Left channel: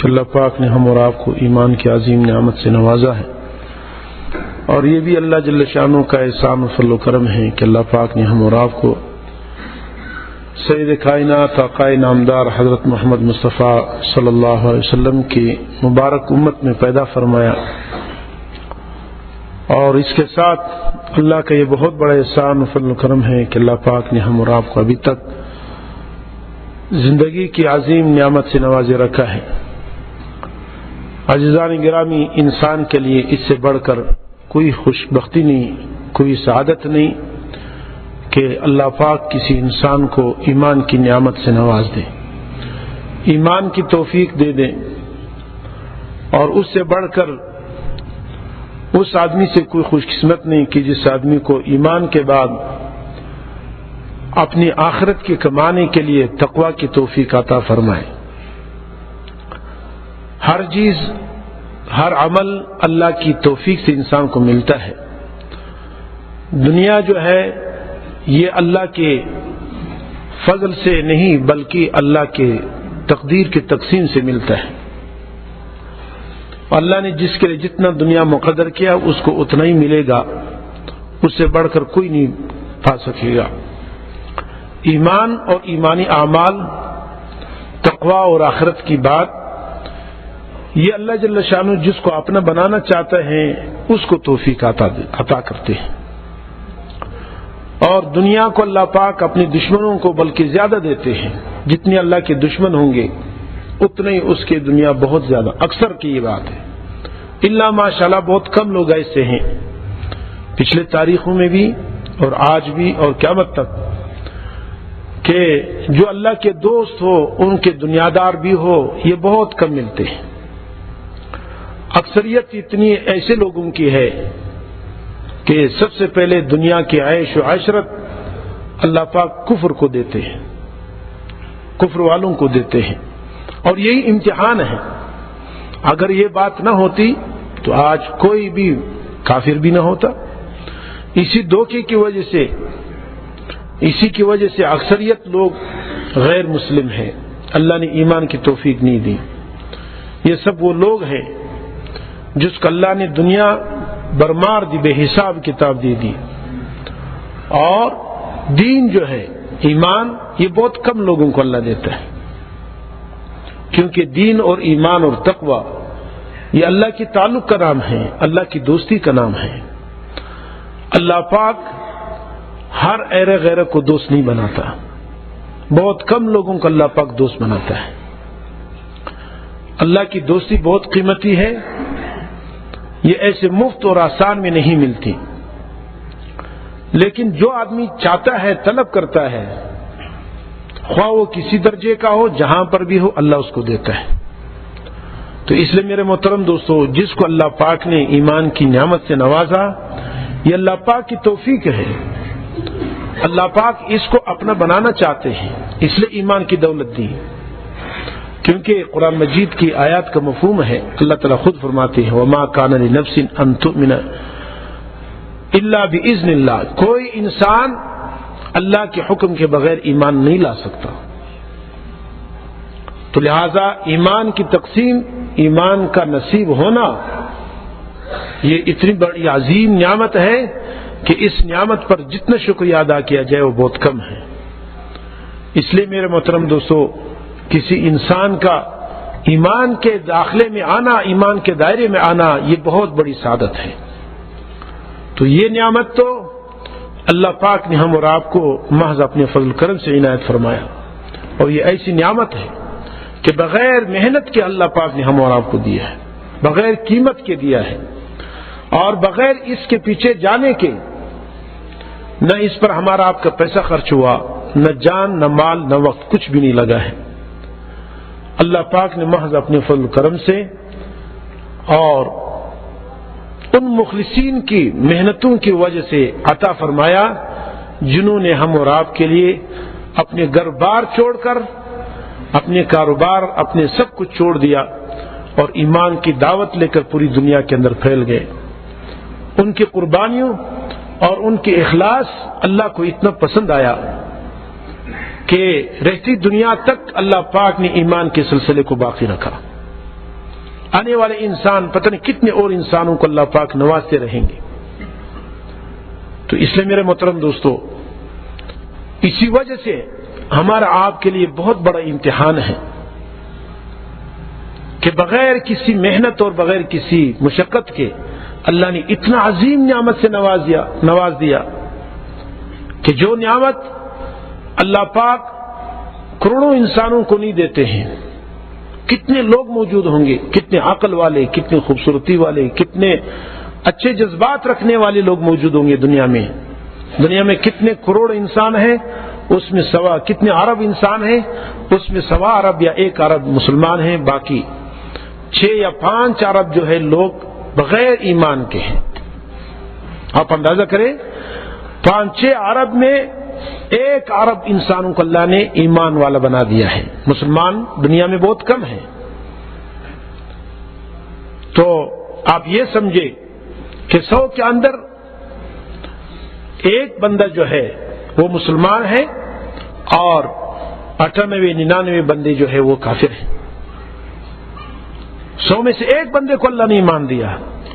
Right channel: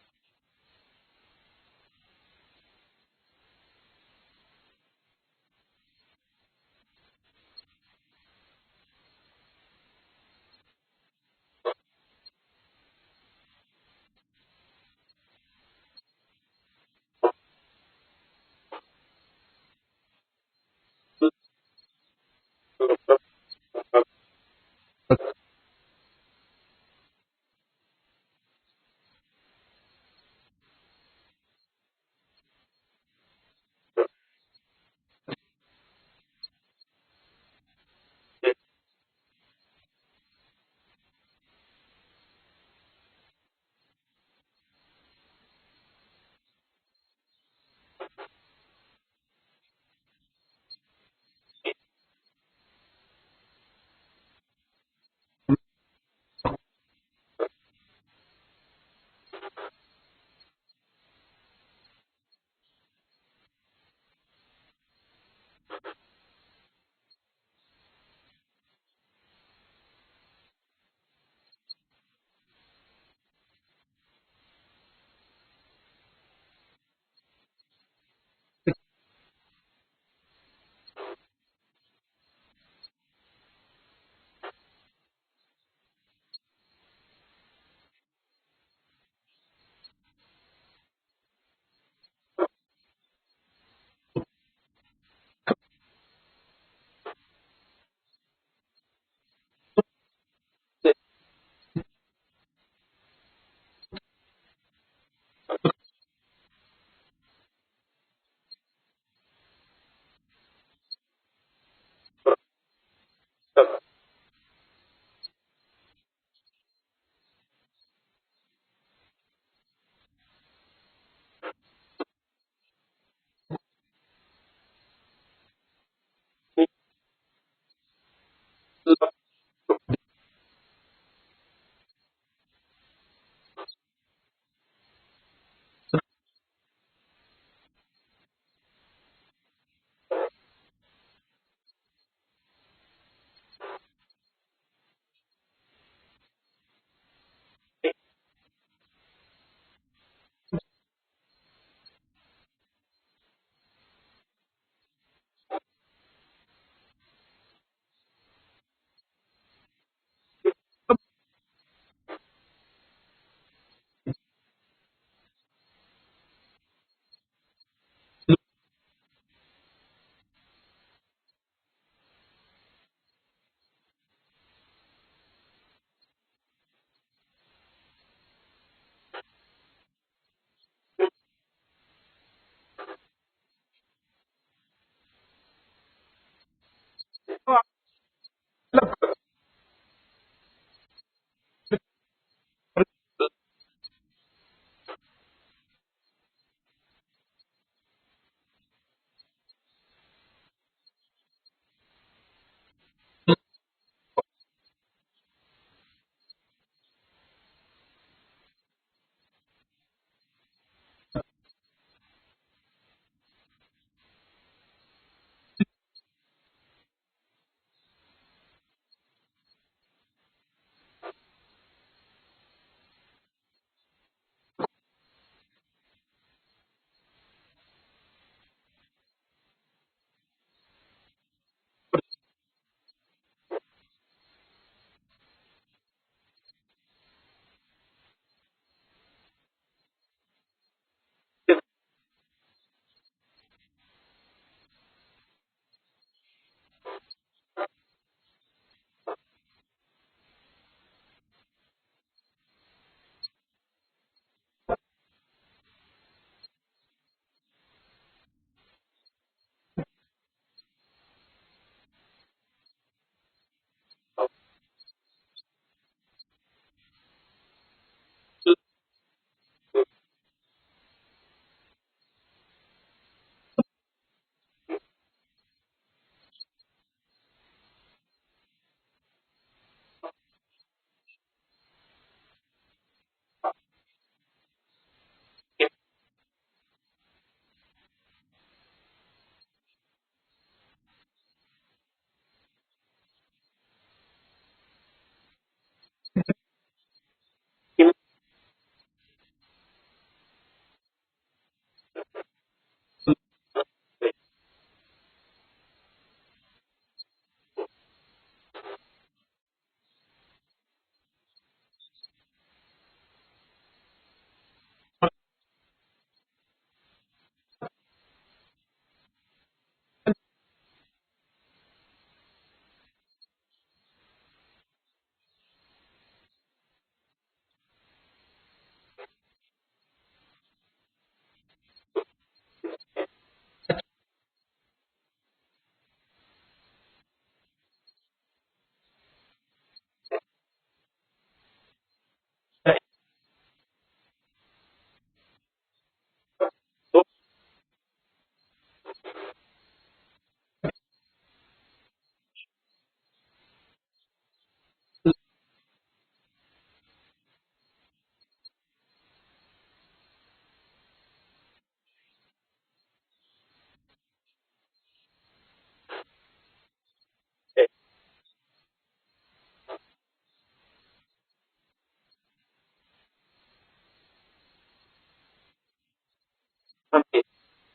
کہ اللہ پاک نے ہم اور آپ کو ایمان کی عظیم نعمت سے نوازا ہے، اور یہ بھی اللہ جل شانہ کا احسان و فضل و کرم ہے کہ اللہ پاک نے ہم اور آپ کو سید کائنات آقائے نامدار حضرت محمد مصطفیٰ صلی اللہ علیہ وسلم کی مبارک امت میں پیدا فرمایا، اور اس کے ساتھ اللہ کا یہ بہت بڑا احسان و فضل و کرم ہے کہ اللہ پاک نے ہم اور آپ کو ابھی تک زندگی کی عظیم نعمت سے نوازے رکھا ہے۔ عزیزان گرامی، انسان کے لیے اس سے بڑھ کر کوئی خوش بختی نہیں، کوئی سعادت نہیں کہ اللہ پاک کسی انسان کو ایمان کی نعمت سے نواز دے، ایمان کی توفیق دے دے، اور اس سے بڑھ کر اس آدمی سے کوئی خوش قسمت نہیں کہ جس آدمی کو ایمان کے بعد اپنی آخرت کے کمانے کے لیے تقوی کی توفیق عطا فرمائے۔ ہر چیز، ہر عمل اللہ کی توفیق سے انسان کو ملتا ہے۔ دنیا جو ہے یہ اللہ کے فضل سے نہیں بلکہ اللہ کے تقدیر کے تقسیم سے ملتا ہے۔ اللہ نے جس کے لیے جتنا دنیا مقدر کیا اس کو اتنا ہی ملے گا، اس سے بڑھ کر کوئی نہیں پا سکے گا۔ ایمان اور ایمانی اعمال، تقوی اور آخرت کی بات، یہ اللہ جل شانہ جس کو اپنا بنانا چاہتا ہے اس کو توفیق عطا کرتے ہیں، اور دنیا کو اللہ پاک اپنے دشمنوں کو بلکہ زیادہ دیتے ہیں۔ جتنے اللہ کے دشمن ہوں گے اتنے ہی اس کے دنیا بہت زیادہ، اکثر کی یہ بات ہے، الا ماشاءاللہ بہت کم لوگ ایسے ہیں پچھلے تاریخوں میں بھی اور آج بھی اور قیامت تک کہ جو اللہ کے دوست ہو، ان کے دنیادار بھی ہو، یہ بہت کم ملتے ہیں۔ اکثریت اتنی ایسے لوگوں کی ہے کہ سب سے پہلے دنیا کی عیش و عشرت اللہ پاک کفر کو دیتے ہیں، کفر والوں کو دیتے ہیں، اور یہی امتحان ہے۔ اگر یہ بات نہ ہوتی تو آج کوئی بھی کافر بھی نہ ہوتا۔ اسی دھوکے کی وجہ سے، اسی کی وجہ سے اکثریت لوگ غیر مسلم ہیں، اللہ نے ایمان کی توفیق نہیں دی۔ یہ سب وہ لوگ ہیں جس کو اللہ نے دنیا برمار دی، بے حساب کتاب دے دی، اور دین جو ہے ایمان یہ بہت کم لوگوں کو اللہ دیتا ہے، کیونکہ دین اور ایمان اور تقوی یہ اللہ کی تعلق کا نام ہے، اللہ کی دوستی کا نام ہے۔ اللہ پاک ہر ایرے غیرے کو دوست نہیں بناتا، بہت کم لوگوں کو اللہ پاک دوست بناتا ہے۔ اللہ کی دوستی بہت قیمتی ہے، یہ ایسے مفت اور آسان میں نہیں ملتی، لیکن جو آدمی چاہتا ہے، طلب کرتا ہے، خواہ وہ کسی درجے کا ہو، جہاں پر بھی ہو، اللہ اس کو دیتا ہے۔ تو اس لیے میرے محترم دوستو، جس کو اللہ پاک نے ایمان کی نعمت سے نوازا، یہ اللہ پاک کی توفیق ہے۔ اللہ پاک اس کو اپنا بنانا چاہتے ہیں، اس لیے ایمان کی دولت دی، کیونکہ قرآن مجید کی آیات کا مفہوم ہے، اللہ تعالیٰ خود فرماتے ہیں وَمَا كَانَ لِنَفْسٍ أَن تُؤْمِنَ إِلَّا بِإِذْنِ اللَّهِ، کوئی انسان اللہ کے حکم کے بغیر ایمان نہیں لا سکتا۔ تو لہذا ایمان کی تقسیم، ایمان کا نصیب ہونا، یہ اتنی بڑی عظیم نعمت ہے کہ اس نعمت پر جتنا شکریہ ادا کیا جائے وہ بہت کم ہے۔ اس لیے میرے محترم دوستو، کسی انسان کا ایمان کے داخلے میں آنا، ایمان کے دائرے میں آنا، یہ بہت بڑی سعادت ہے۔ تو یہ نعمت تو اللہ پاک نے ہم اور آپ کو محض اپنے فضل کرم سے عنایت فرمایا، اور یہ ایسی نعمت ہے کہ بغیر محنت کے اللہ پاک نے ہم اور آپ کو دیا ہے، بغیر قیمت کے دیا ہے، اور بغیر اس کے پیچھے جانے کے، نہ اس پر ہمارا آپ کا پیسہ خرچ ہوا، نہ جان، نہ مال، نہ وقت، کچھ بھی نہیں لگا ہے۔ اللہ پاک نے محض اپنے فضل کرم سے اور ان مخلصین کی محنتوں کی وجہ سے عطا فرمایا جنہوں نے ہم اور آپ کے لیے اپنے گھر بار چھوڑ کر، اپنے کاروبار، اپنے سب کچھ چھوڑ دیا اور ایمان کی دعوت لے کر پوری دنیا کے اندر پھیل گئے۔ ان کی قربانیوں اور ان کے اخلاص اللہ کو اتنا پسند آیا کہ رہتی دنیا تک اللہ پاک نے ایمان کے سلسلے کو باقی رکھا۔ آنے والے انسان پتہ نہیں کتنے اور انسانوں کو اللہ پاک نوازتے رہیں گے. تو اس لیے میرے محترم دوستو، اسی وجہ سے ہمارا آپ کے لیے بہت بڑا امتحان ہے کہ بغیر کسی محنت اور بغیر کسی مشقت کے اللہ نے اتنا عظیم نعمت سے نواز دیا کہ جو نعمت اللہ پاک کروڑوں انسانوں کو نہیں دیتے ہیں. کتنے لوگ موجود ہوں گے، کتنے عقل والے، کتنے خوبصورتی والے، کتنے اچھے جذبات رکھنے والے لوگ موجود ہوں گے دنیا میں. دنیا میں کتنے کروڑ انسان ہیں، اس میں کتنے ارب انسان ہیں، اس میں 1.25 ارب یا 1 ارب مسلمان ہیں، باقی 6 یا 5 ارب جو ہے لوگ بغیر ایمان کے ہیں. آپ اندازہ کریں 5-6 ارب میں 1 ارب انسانوں کو اللہ نے ایمان والا بنا دیا ہے. مسلمان دنیا میں بہت کم ہیں. تو آپ یہ سمجھے کہ 100 کے اندر 1 بندہ جو ہے وہ مسلمان ہے اور 98-99 بندے جو ہے وہ کافر ہیں. 100 میں سے 1 بندے کو اللہ نے ایمان دیا.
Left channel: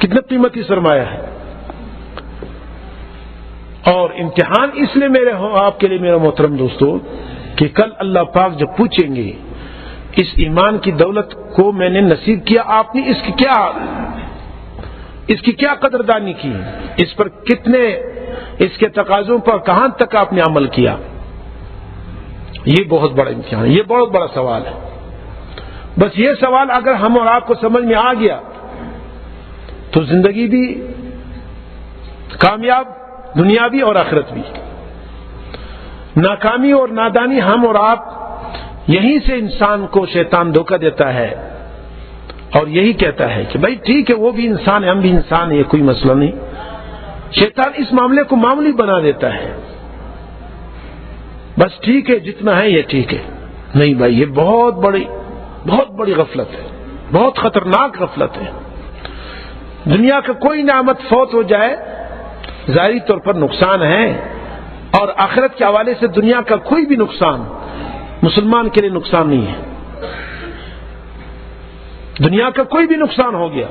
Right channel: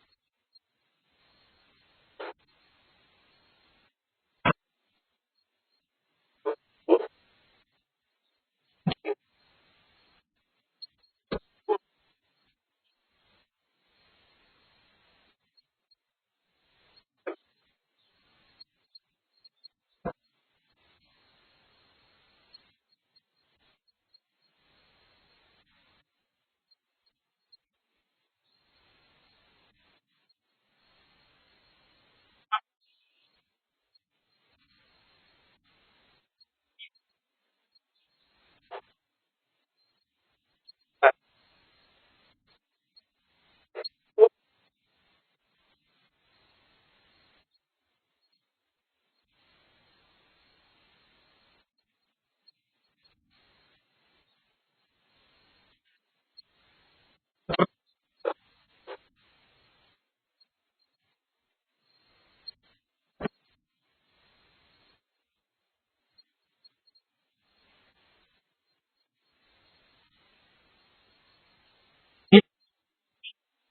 کتنا قیمتی سرمایہ ہے. اور امتحان اس لیے میرے آپ کے لیے میرے محترم دوستو کہ کل اللہ پاک جب پوچھیں گے اس ایمان کی دولت کو میں نے نصیب کیا، آپ نے اس کی کیا قدردانی کی، اس پر کتنے، اس کے تقاضوں پر کہاں تک آپ نے عمل کیا. یہ بہت بڑا امتحان ہے، یہ بہت بڑا سوال ہے. بس یہ سوال اگر ہم اور آپ کو سمجھ میں آ گیا تو زندگی بھی کامیاب، دنیاوی اور آخرت بھی. ناکامی اور نادانی ہم اور آپ، یہیں سے انسان کو شیطان دھوکہ دیتا ہے اور یہی کہتا ہے کہ بھائی ٹھیک ہے وہ بھی انسان ہے، ہم بھی انسان ہیں، کوئی مسئلہ نہیں. شیطان اس معاملے کو معمولی بنا دیتا ہے، بس ٹھیک ہے جتنا ہے یہ ٹھیک ہے. نہیں بھائی، یہ بہت بڑی غفلت ہے، بہت خطرناک غفلت ہے. دنیا کا کوئی نعمت فوت ہو جائے ظاہری طور پر نقصان ہے، اور آخرت کے حوالے سے دنیا کا کوئی بھی نقصان مسلمان کے لیے نقصان نہیں ہے. دنیا کا کوئی بھی نقصان ہو گیا،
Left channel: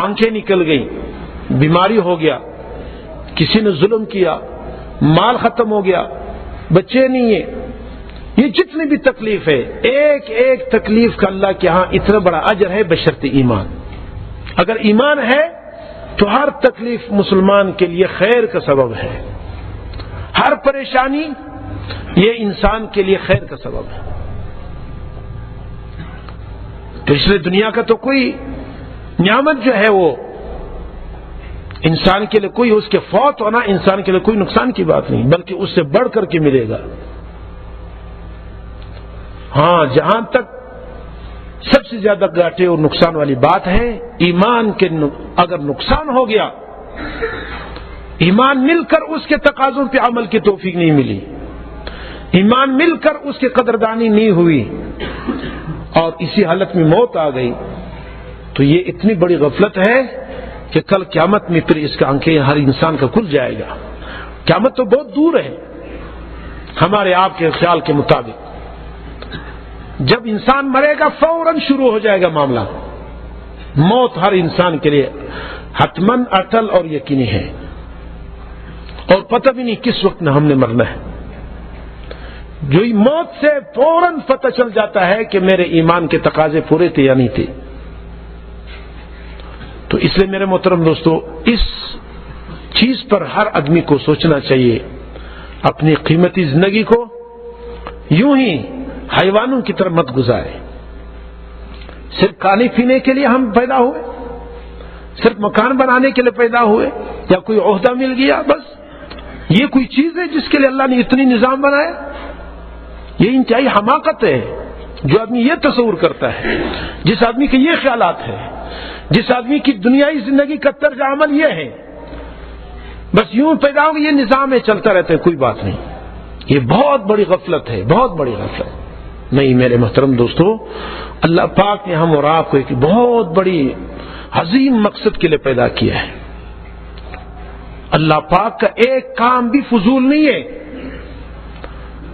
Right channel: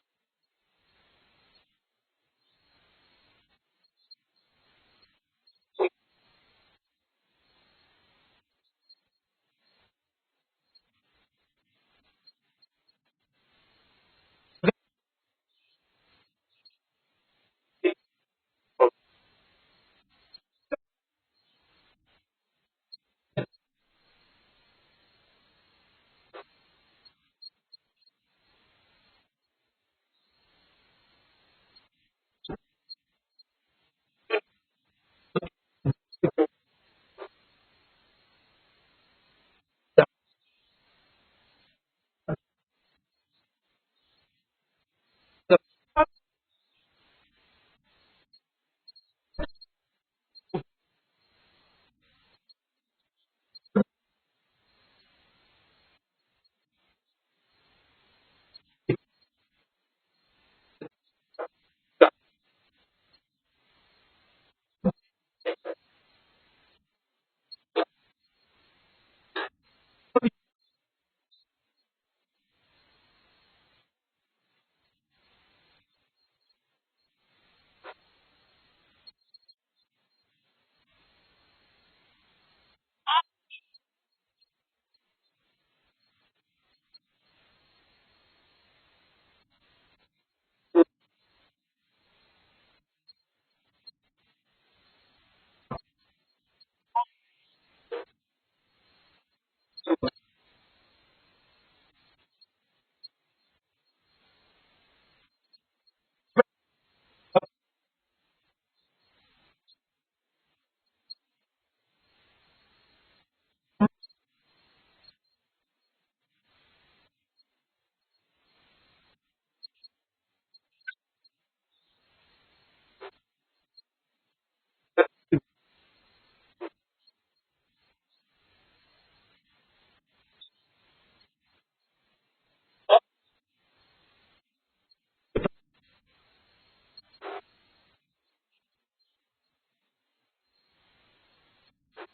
آنکھیں نکل گئی، بیماری ہو گیا، کسی نے ظلم کیا، مال ختم ہو گیا، بچے نہیں ہیں، یہ جتنی بھی تکلیف ہے، ایک ایک تکلیف کا اللہ کے ہاں اتنا بڑا اجر ہے بشرط ایمان. اگر ایمان ہے تو ہر تکلیف مسلمان کے لیے خیر کا سبب ہے، ہر پریشانی یہ انسان کے لیے خیر کا سبب ہے. تو اس لیے دنیا کا تو کوئی نعمت جو ہے وہ انسان کے لیے کوئی، اس کے فوت ہونا انسان کے لیے کوئی نقصان کی بات نہیں، بلکہ اس سے بڑھ کر کے ملے گا. ہاں، جہاں تک سب سے زیادہ گھاٹے اور نقصان والی بات ہے ایمان کے، اگر نقصان ہو گیا، ایمان مل کر اس کے تقاضوں پہ عمل کی توفیق نہیں ملی، ایمان مل کر اس کی قدردانی نہیں ہوئی اور اسی حالت میں موت آ گئی، تو یہ اتنی بڑی غفلت ہے کہ کل قیامت میں پھر اس کا آنکھیں ہر انسان کا کھل جائے گا. قیامت تو بہت دور ہے ہمارے آپ کے خیال کے مطابق. جب انسان مرے گا فوراً شروع ہو جائے گا معاملہ. موت ہر انسان کے لیے حتماً اٹل اور یقینی ہے، اور پتہ بھی نہیں کس وقت ہم نے مرنا ہے. جو موت سے فوراً پتہ چل جاتا ہے کہ میرے ایمان کے تقاضے پورے تھے یا نہیں تھے. تو اس لیے میرے محترم دوستو، اس چیز پر ہر آدمی کو سوچنا چاہیے. اپنی قیمتی زندگی کو یوں ہی حیوانوں کی طرح مت گزارے. صرف کھانے پینے کے لیے ہم پیدا ہوئے، صرف مکان بنانے کے لیے پیدا ہوئے، یا کوئی عہدہ مل گیا، بس یہ کوئی چیز ہے جس کے لیے اللہ نے اتنی نظام بنایا؟ یہ انتہائی حماقت ہے جو آدمی یہ تصور کرتا ہے، جس آدمی کے یہ خیالات ہیں، جس آدمی کی دنیائی زندگی کا طرز عمل یہ ہے بس یوں پیدا ہوگا، یہ نظام ہے چلتا رہتا ہے، کوئی بات نہیں. یہ بہت بڑی غفلت ہے، بہت بڑی غفلت. نہیں میرے محترم دوستو، اللہ پاک نے ہم اور آپ کو ایک بہت بڑی عظیم مقصد کے لیے پیدا کیا ہے. اللہ پاک کا ایک کام بھی فضول نہیں ہے.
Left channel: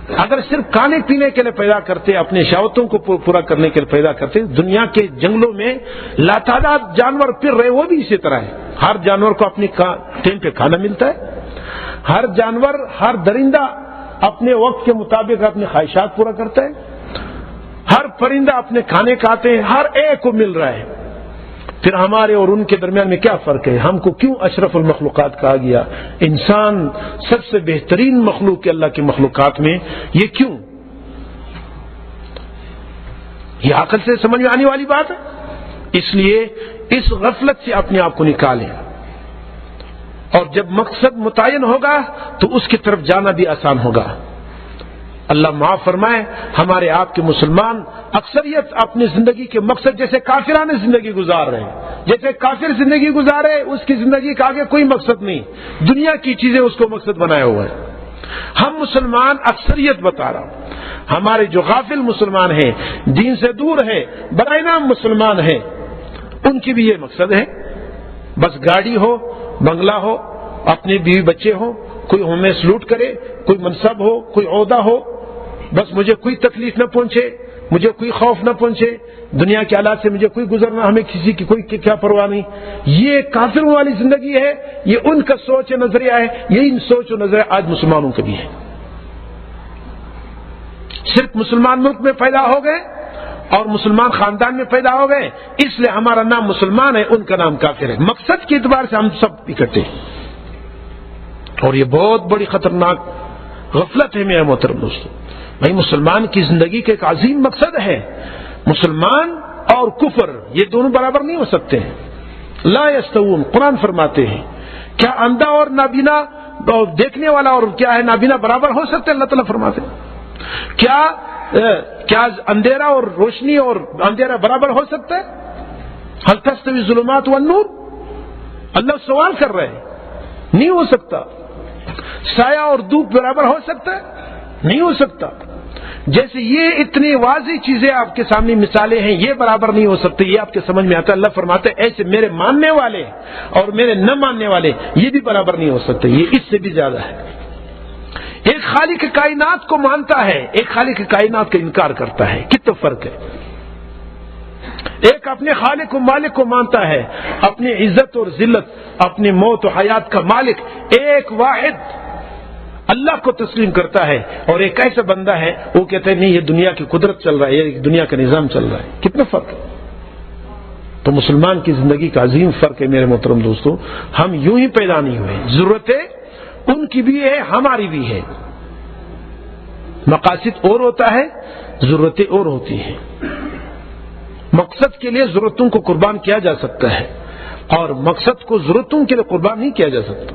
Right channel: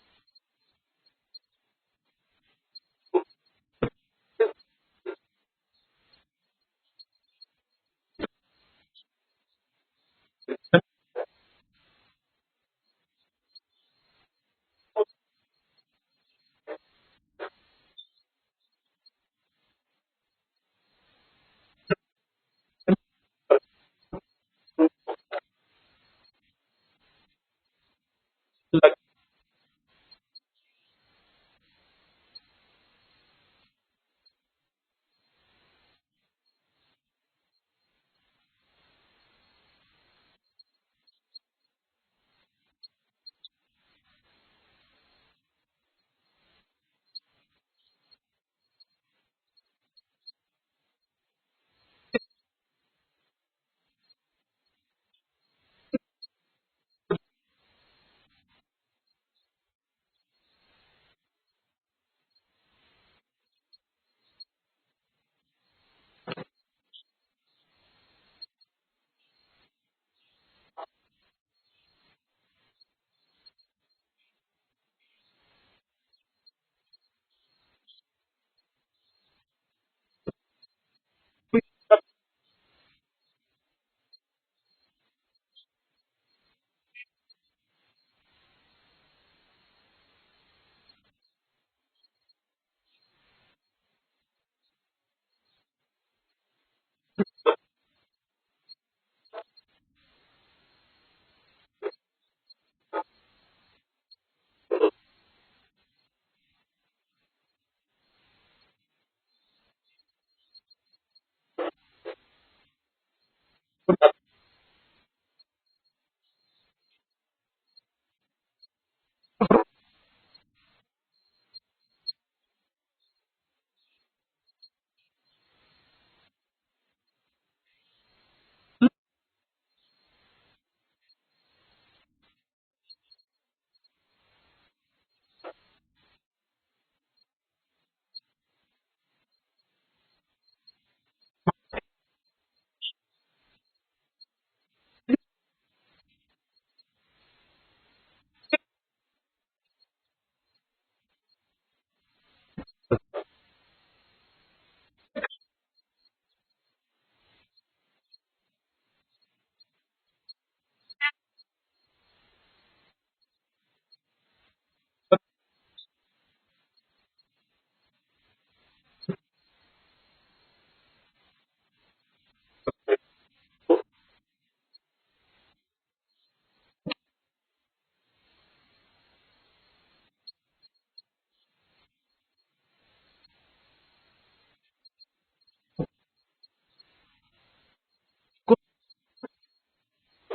اگر صرف کھانے پینے کے لیے پیدا کرتے، اپنے شہوتوں کو پورا کرنے کے لیے پیدا کرتے، دنیا کے جنگلوں میں لاتعداد جانور پھر رہے، وہ بھی اسی طرح ہے۔ ہر جانور کو اپنی ٹائم پہ کھانا ملتا ہے، ہر جانور، ہر درندہ اپنے وقت کے مطابق اپنی خواہشات پورا کرتا ہے، ہر پرندہ اپنے کھانے کھاتے ہیں، ہر ایک کو مل رہا ہے۔ پھر ہمارے اور ان کے درمیان میں کیا فرق ہے؟ ہم کو کیوں اشرف المخلوقات کہا گیا؟ انسان سب سے بہترین مخلوق ہے اللہ کی مخلوقات میں، یہ کیوں؟ یہ عقل سے سمجھ میں آنے والی بات ہے۔ اس لیے اس غفلت سے اپنے آپ کو نکالیں، اور جب مقصد متعین ہوگا تو اس کی طرف جانا بھی آسان ہوگا۔ اللہ معاف فرمائے، ہمارے آپ کے مسلمان اکثریت اپنی زندگی کے مقصد جیسے کافرانہ زندگی گزار رہے ہیں، جیسے کافر زندگی گزارے، اس کی زندگی کا آگے کوئی مقصد نہیں، دنیا کی چیزیں اس کو مقصد بنایا ہوا ہے۔ ہم مسلمان اکثریت بتا رہا ہوں، ہمارے جو غافل مسلمان ہیں، دین سے دور ہیں، برائے نام مسلمان ہیں، ان کی بھی یہ مقصد ہے، بس گاڑی ہو، بنگلہ ہو، اپنے بیوی بچے ہو، کوئی ہمیں سلوٹ کرے، کوئی منصب ہو، کوئی عہدہ ہو، بس مجھے کوئی تکلیف نہ پہنچے، مجھے کوئی خوف نہ پہنچے، دنیا کے حالات سے مجھے کوئی گزرنا، ہمیں کسی کی کوئی کیا پرواہ نہیں۔ یہ کافروں والی زندگی ہے، یہ ان کا سوچ نظریہ ہے، یہی سوچ و نظریہ آج مسلمانوں کا بھی ہے۔ صرف مسلمان ملک میں پیدا ہو گئے اور مسلمان خاندان میں پیدا ہو گئے، اس لیے ہمارا نام مسلمان ہے، ان کا نام کافر ہے۔ مقصد کے اعتبار سے ہم سب اکٹھے ہیں، اور یہ بہت بڑی خطرناک غفلت ہے میرے محترم دوستو۔ بھائی مسلمان کی زندگی کا ایک عظیم مقصد ہے، مسلمان اور کفر یہ دونوں برابر نہیں ہو سکتے ہیں، لا یستوون۔ قرآن فرماتے ہیں کیا اندھا اور نابینا، دیکھنے والا اور کیا ہے نابینا برابر ہو سکتے ہیں؟ اللہ تعالیٰ فرماتے ہیں کیا اندھیرا اور روشنی اور اندھیرا برابر ہو سکتا ہے؟ هل تستوی الظلمات والنور؟ اللہ سوال کر رہے ہیں، نہیں ہو سکتا۔ سایہ اور دھوپ برابر ہو سکتا ہے؟ نہیں ہو سکتا۔ جیسے یہ اتنی واضح چیزیں آپ کے سامنے مثالیں ہیں، یہ برابر نہیں ہو سکتے، یہ آپ کے سمجھ میں آتا ہے۔ اللہ فرماتے ہیں ایسے میرے ماننے والے اور میرے نہ ماننے والے یہ بھی برابر نہیں ہو سکتے، یہ اس سے بھی زیادہ ہے۔ ایک خالق کائنات کو مانتا ہے، ایک خالق کائنات کا انکار کرتا ہے، کتنا فرق ہے۔ ایک اپنے خالق و مالک کو مانتا ہے، اپنی عزت اور ذلت، اپنی موت و حیات کا مالک ایک واحد اللہ کو تسلیم کرتا ہے، اور ایک ایسا بندہ ہے وہ کہتا ہے نہیں یہ دنیا کی قدرت چل رہا ہے، یہ دنیا کا نظام چل رہا ہے۔ کتنا فرق ہے۔ تو مسلمان کی زندگی کا عظیم فرق ہے میرے محترم دوستو۔ ہم یوں ہی پیدا نہیں ہوئے، ضرورتیں ان کی بھی ہے، ہماری بھی ہے۔ مقاصد اور ہوتا ہے، ضرورتیں اور ہوتی ہیں۔ مقصد کے لیے ضرورتوں کو قربان کیا جا سکتا ہے، اور مقصد کو ضرورتوں کے لیے قربان نہیں کیا جا سکتا۔